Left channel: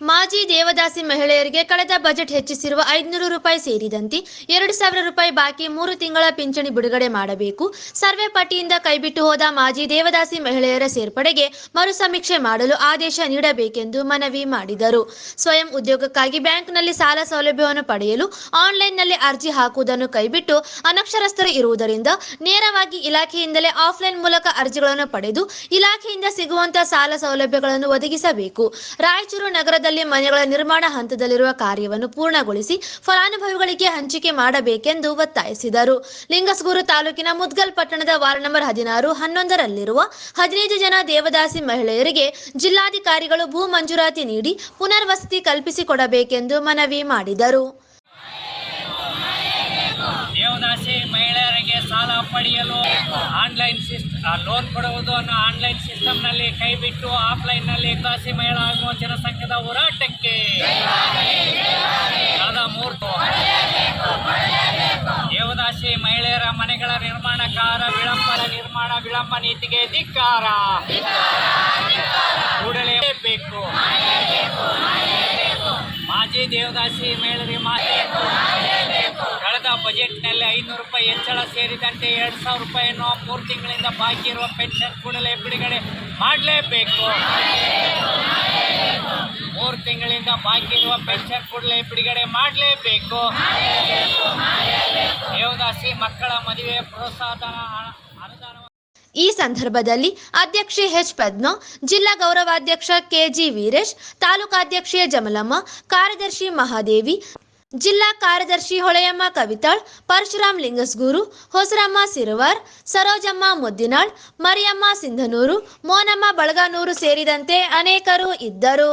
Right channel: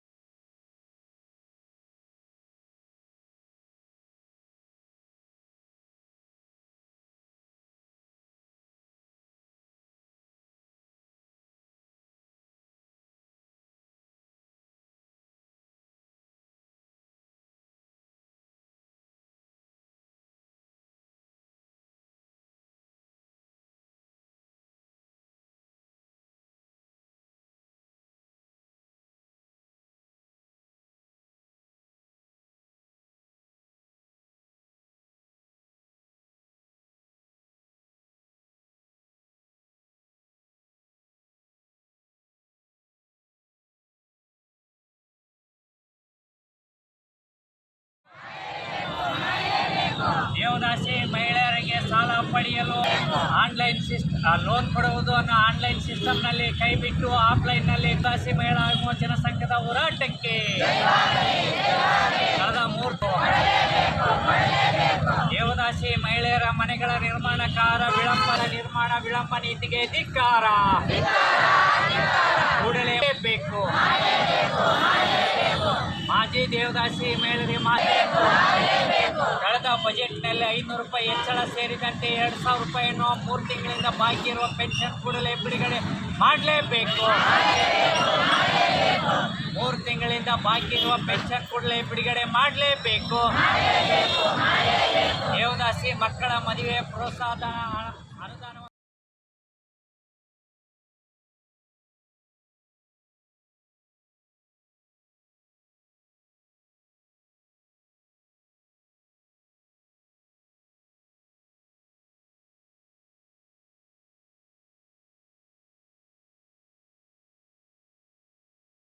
ಮಾಜಿ ದೇವದಾಸಿ ಮಹಿಳೆಯರಿಗೆ ಕಳೆದ ಬಜೆಟ್ ಹೆಚ್ಚಿಸಿರುವ 500 ರೂಪಾಯಿ ಸೇರಿದಂತೆ 2,000 ರೂಪಾಯಿ ಬಾಕಿ 3 ತಿಂಗಳ ಪಿಂಚಣಿ ಬಿಡುಗಡೆ ಮಾಡಬೇಕು. ಸರ್ವೆ ಪಟ್ಟಿಯಿಂದ ಕೈಬಿಟ್ಟು ಹೋದ ಮಾಜಿ ದೇವದಾಸಿ ಮಹಿಳೆಯರ ಸೇರ್ಪಡೆಗೆ ಮರು ಸಮೀಕ್ಷೆ ಮಾಡಲು ಆದೇಶ ನೀಡಬೇಕೆಂದು ಮನವಿ ಮಾಡಿದರು. ಸ್ವಯಂ ಉದ್ಯೋಗಕ್ಕಾಗಿ ಬ್ಯಾಂಕ್ನಲ್ಲಿ ಸಾಲ ಸೌಲಭ್ಯವನ್ನು ಪಡೆಯಲು ಆನ್ಲೈನ್ನಲ್ಲಿ ಅರ್ಜಿ ಹಾಕುವುದನ್ನು ಕೈಬಿಟ್ಟು ಅನಕ್ಷರಸ್ಥರು ಇರುವುದರಿಂದ ನೇರವಾಗಿ ಇಲಾಖೆಯಿಂದಲೇ ಆಫ್ಲೈನ್ ಮೂಲಕ ಅರ್ಜಿಗಳನ್ನು ಪಡೆದು ಇಲಾಖೆಯಿಂದ ಸಿಗುವಂತಹ ಸಾಲ ಸೌಲಭ್ಯಗಳನ್ನು ಒದಗಿಸಬೇಕು. ರಾಯಚೂರು ನಗರದ ಮನೆಗಳ ನಿರ್ಮಾಣ ಹಂತದಲ್ಲಿರುವ ಕಾರ್ಯವನ್ನು ಪೂರ್ಣಗೊಳಿಸಿ ಫಲಾನುಭವಿಗಳಿಗೆ ಹಂಚಿಕೆ ಮಾಡಬೇಕೆಂದು ಒತ್ತಾಯಿಸಿದರು. ಲಿಂಗಸ್ಗೂರು ತಾಲೂಕಿನ ಮುದ್ಗಲ್ ಪಟ್ಟಣದ ವಾರ್ಡ್ ನಂಬರ್ 16, 11ರಲ್ಲಿರುವ 15 ಜನ ದೇವದಾಸಿ ಮಹಿಳೆಯರಿಗೆ ಜಿಲ್ಲಾಧಿಕಾರಿಗಳು ಭೂ ಮಂಜೂರಾತಿ ನೀಡಿ ಪುನರ್ವಸತಿ ಕಲ್ಪಿಸಿಕೊಡಬೇಕೆಂದು ಮನವಿ ಮಾಡಿದರು. ದೇವದಾಸಿ ಮಹಿಳೆಯರಿಗೆ ಸಾಲ ಪಡೆಯಲು ಆನ್ಲೈನ್ ಲೋನ್ ಕೊಡುವುದನ್ನು ಆನ್ಲೈನ್ ಸಿಸ್ಟಮ್ನಲ್ಲಿ ಕೈಬಿಟ್ಟು ಆಫ್ಲೈನ್ನಲ್ಲಿ ದೇವದಾಸಿ ಮಹಿಳಾ ವಿಮೋಚನಾ ಸಂಘದ ಹೋರಾಟಕ್ಕೆ ಕಳೆದ 3 ದೇವದಾಸಿ ಮಹಿಳೆಯರ ಮನೆಗಳ ನಿರ್ಮಾಣಕಾರ ವಿಳಂಬ ನೀತಿಗೆ ಧಿಕ್ಕಾರ. ಕೂಡಲೇ ಬೇಕು. ಮಾಜಿ ದೇವದಾಸಿ ಮಹಿಳೆಯರಿಗೆ ಕಳೆದ ಬಜೆಟ್ನಲ್ಲಿ 500 ರೂಪಾಯಿ ಹೆಚ್ಚಳ ಸೇರಿದಂತೆ 2,000 ರೂಪಾಯಿಯನ್ನು 3 ತಿಂಗಳಿಂದ ಬಾಕಿ ಇರುವ ಪೆನ್ಷನ್ ಕೂಡಲೇ ಬಿಡುಗಡೆ ಮಾಡಲೇಬೇಕು. 3 ತಿಂಗಳಿಂದ ಬಾಕಿ ಇರುವ ಪೆನ್ಷನ್ ಕೂಡಲೇ ಬಿಡುಗಡೆ ಮಾಡಲೇಬೇಕು. ದೇವದಾಸಿ ಮಕ್ಕಳ ಮದುವೆ ಪ್ರೋತ್ಸಾಹಧನ ಅನುದಾನ. ಈ ಸಂದರ್ಭದಲ್ಲಿ ಅಧ್ಯಕ್ಷೆ ಎಚ್ ಪದ್ಮಾ, ಜಿಲ್ಲಾ ಗೌರವಾಧ್ಯಕ್ಷ ಕೆಜಿ ವೀರೇಶ್, ತಾಲೂಕಾಧ್ಯಕ್ಷೆ ಜಮಲಮ್ಮ, ಕಾರ್ಯದರ್ಶಿ ಮಹಾದೇವಿ, ಜಿಲ್ಲಾ ಕಾರ್ಯದರ್ಶಿ ಹೊಳೆಯಮ್ಮ ಕವಿತಾಳ್, ಪರಶುರಾಮ್ ಲಿಂಗಸ್ಗೂರು, ಹೊಸರಮ್ಮ ಸಿರವಾರ್, ಸರೋಜಮ್ಮ ಮುದ್ದಿನಾಳ್, ಮರಿಯಮ್ಮ ಸಿಂಧನೂರು, ಮೋನಮ್ಮ ಬಳಗಾನೂರು ಸೇರಿದಂತೆ ಅನೇಕರು ಇದ್ದರು.